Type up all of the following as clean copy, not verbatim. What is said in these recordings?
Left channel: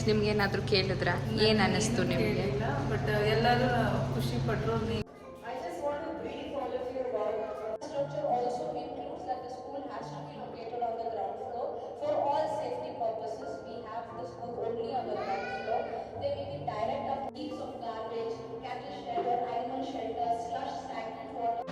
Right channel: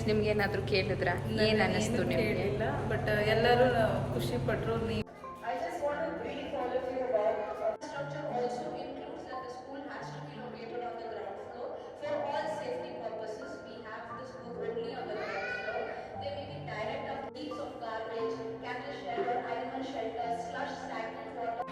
Parents ನಿಮ್ಗೆ ಏನಾದರೂ ಕೇಳಿದ್ರಾ? ಏನು ಅನ್ನಿಸ್ತು ನಿಮಗೆ? ಬಟ್ ಎಲ್ಲರೂ ಖುಷಿ ಪಟ್ಟರು. I just want to brief all of you about structure also includes that the school has to be located on the ground floor. For all safety purposes, we have this book only on the ground floor. There may be direct upkeeps of garbage, cattle shed or animal shelter, slush, stagnant water.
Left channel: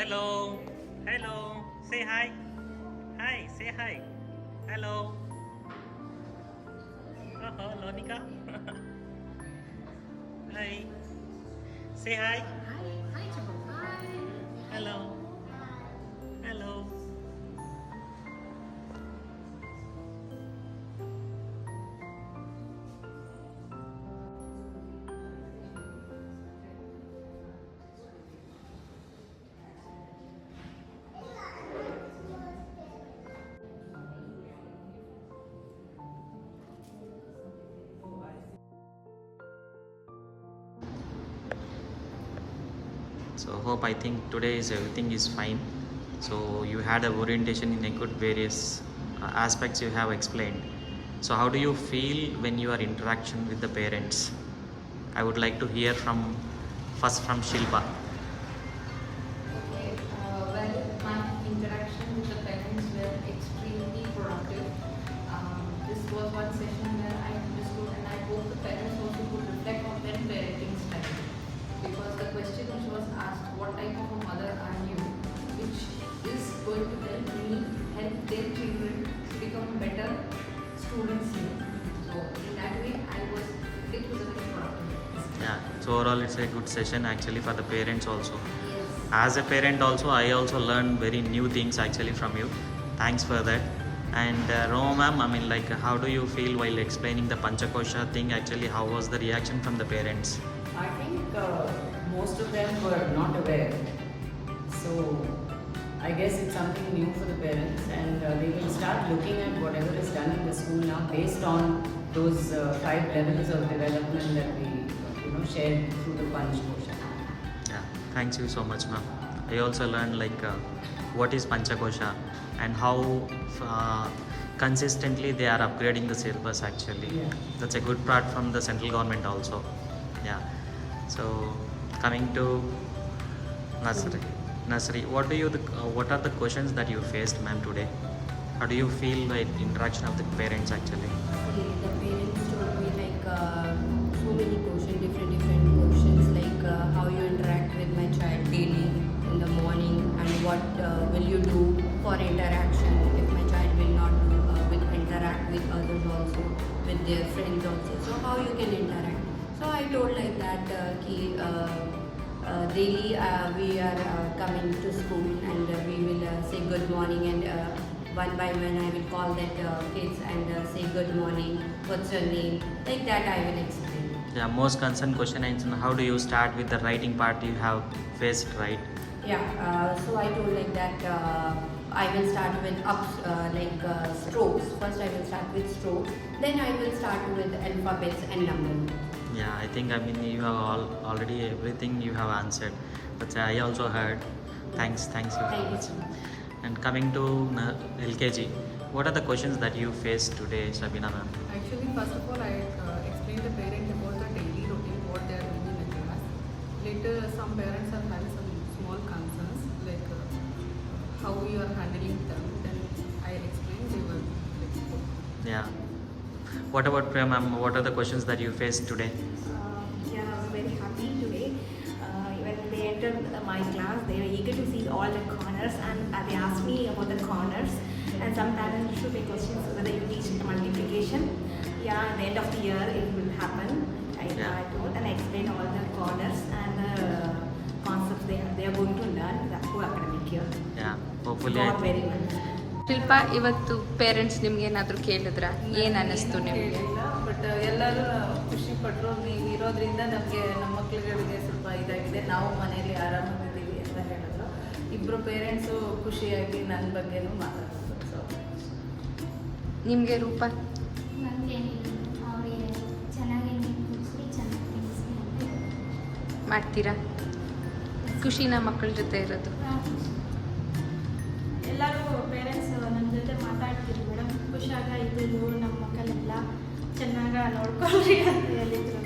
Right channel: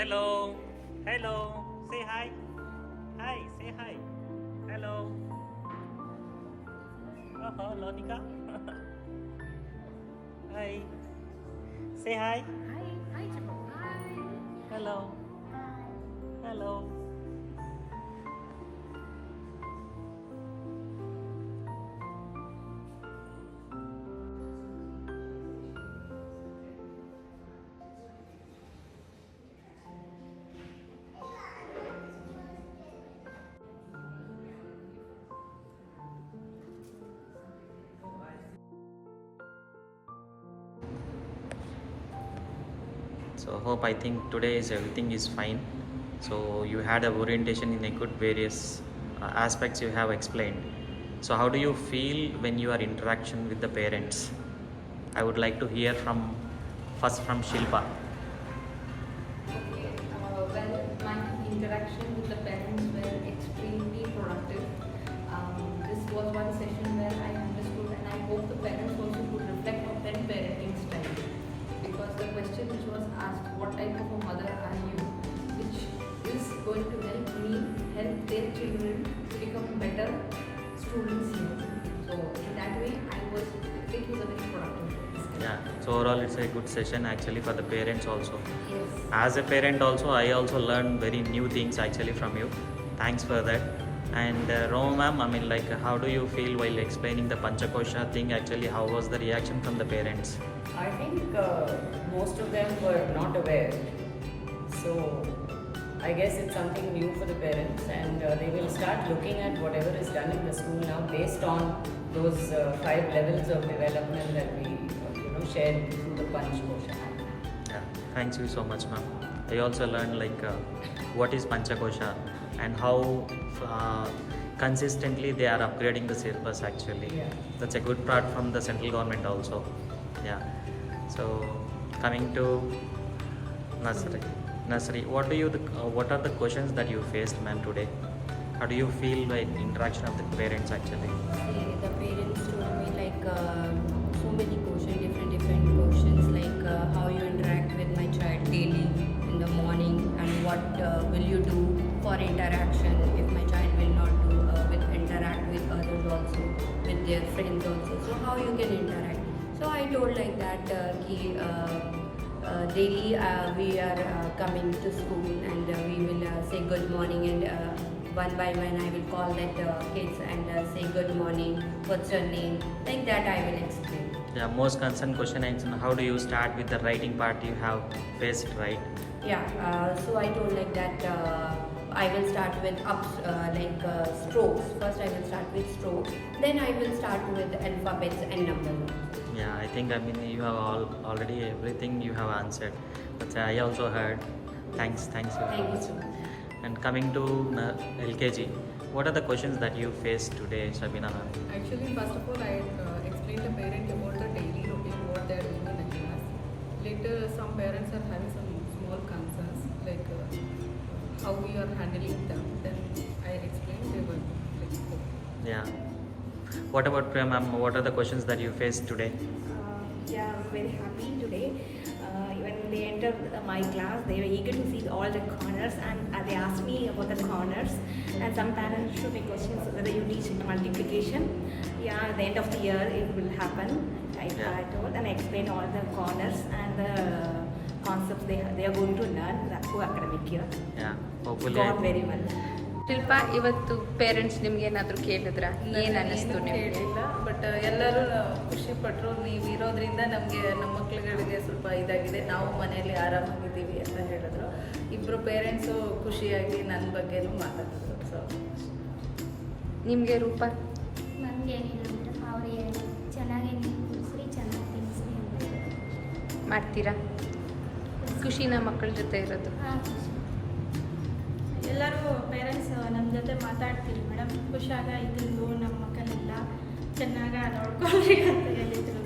Hello, hello, say hi. Hi, say hi. Hello. Oh, Lonika. Hi. Say hi. Hi, Chapal. Hi. Hello. Hello. So hope I think today is everything is fine. So you had a orientation in a good various aspects you have explained. So how do you feel when you are interaction with the parents? I would like to hear from first from Shilpa. Okay. Well, my interaction with the parents were extremely productive. This was one session where I understood, and I hope the parents also could reflect on their parenting style. Because the question which was asked, what type of a mother are you, which is going to help me help their children to become better students. So in that way, it was a very productive. Yeah, so overall it's a good session actually for the parents also. Yes. As a parent also, I also learned very new things actually from you. Thanks for that. And Roma ma'am, I mean, like, how do you feel while explaining the Panchakosha thing? Actually, how was the reaction from the parents? I think most of them were not aware. So I guess it's something new for the parents, and they will start looking at whatever is done in the school now based on those 5 levels of development that we shared through the Panchakosha. Yeah, thanks you so much ma'am. I also learned like what is Panchakosha and how consistently they are upgrading the syllabus actually. Yeah. That's a good part from the central government also. Yeah. So coming to nursery, what are the questions that you faced ma'am today? How do you feel like interaction of the parents actually? See, the parents told me like so many questions, different questions, like how you interact with my child daily in the morning, and what will you do for interaction if my child will not will interact with others also, with their friends also. So how you can interact? So I told like that daily we are coming to school, and we will say good morning, and one by one I will call that kids and say good morning, what's your name, like that I will explain. Yeah, most concerned question is how do you start with the writing part you have faced, right? Yeah, so I told like that I will start with strokes. First I will start with strokes, then I will start with alphabets and numbers. Yeah, I think you have already everything you have answered. But I also heard. Thanks you so much. And coming to LKG, what are the questions that you faced today, Shabina ma'am? Actually, first of all, I explained the parent about the daily routine, what they are doing in the class. Later, some parents are having some small concerns, like how we are handling them. Then I explained, they were like, okay. Yeah. What about Priya ma'am? What are the questions that you faced today? Yeah, I'm very happy today. When they entered my class, they were eager to see all the corners, and they asked me about the corners. And some parents should make questions whether you teach multiplication. Yeah, at the end of the year it will happen. I told, and I explained all the corners and the concepts they are going to learn through academic year. Yeah, hopefully. Gone very well. ಶಿಲ್ಪ, ಇವತ್ತು parents ನಿಮ್ಗೆ ಏನಾದರೂ ಕೇಳಿದ್ರ? ಏನು ಅನ್ನಿಸ್ತು ನಿಮಗೆ? ಕೇಳಿಲ್ಲ, but ಎಲ್ಲರೂ ಖುಷಿ ಪಟ್ಟರು. ನೀವು ಇರೋದ್ರಿಂದ ನಮಗೆ ನಮ್ಮ ಮಕ್ಳುಗಳಿಗೆ ಸ್ವಲ್ಪ ಇದಾಗಿದೆ, ನಾವು ಮನೆಯಲ್ಲಿ ಆರಾಮಾಗಿದ್ದೀವಿ ಅಂತ ಹೇಳಿದ್ರು. ಇಬ್ಬರು ಪೇರೆಂಟ್ಸು ಖುಷಿಯಾಗಿ ನನ್ನ ಬಗ್ಗೆನೂ ಮಾತಾಡಿದ್ರು. ಸೊ ನಿಮಗೆ ರೂಪ? ನಮಗೇನಿಲ್ಲ ಮೇಡಮ್, ಅವರೇ ಚೆನ್ನಾಗಿ ಕೂರಿಸಿ ಚೆನ್ನಾಗಿ ತಿಳಿಸಿ ಅಂತ ಹೇಳಿದ್ರು. ಮಾಡ್ತೀರಾ? ಖುಷಿನ ಮಕ್ಕಳ ಜೊತೆ ಇರೋದು? ಎಲ್ಲರೂ ಪೇರೆಂಟ್ಸ್ ನಮ್ಮ ಜೊತೆ ಮಾತಾಡ್ತಿದ್ರು ಮೇಡಮ್. ಖುಷಿಯಾಗಾಯಿತು, ನಮ್ಮ ಮಕ್ಕಳೆಲ್ಲ ಚೆನ್ನಾಗಿ ನೋಡ್ಕೊಳ್ರಿ ಅಂತ ಹೇಳಿದ್ರು.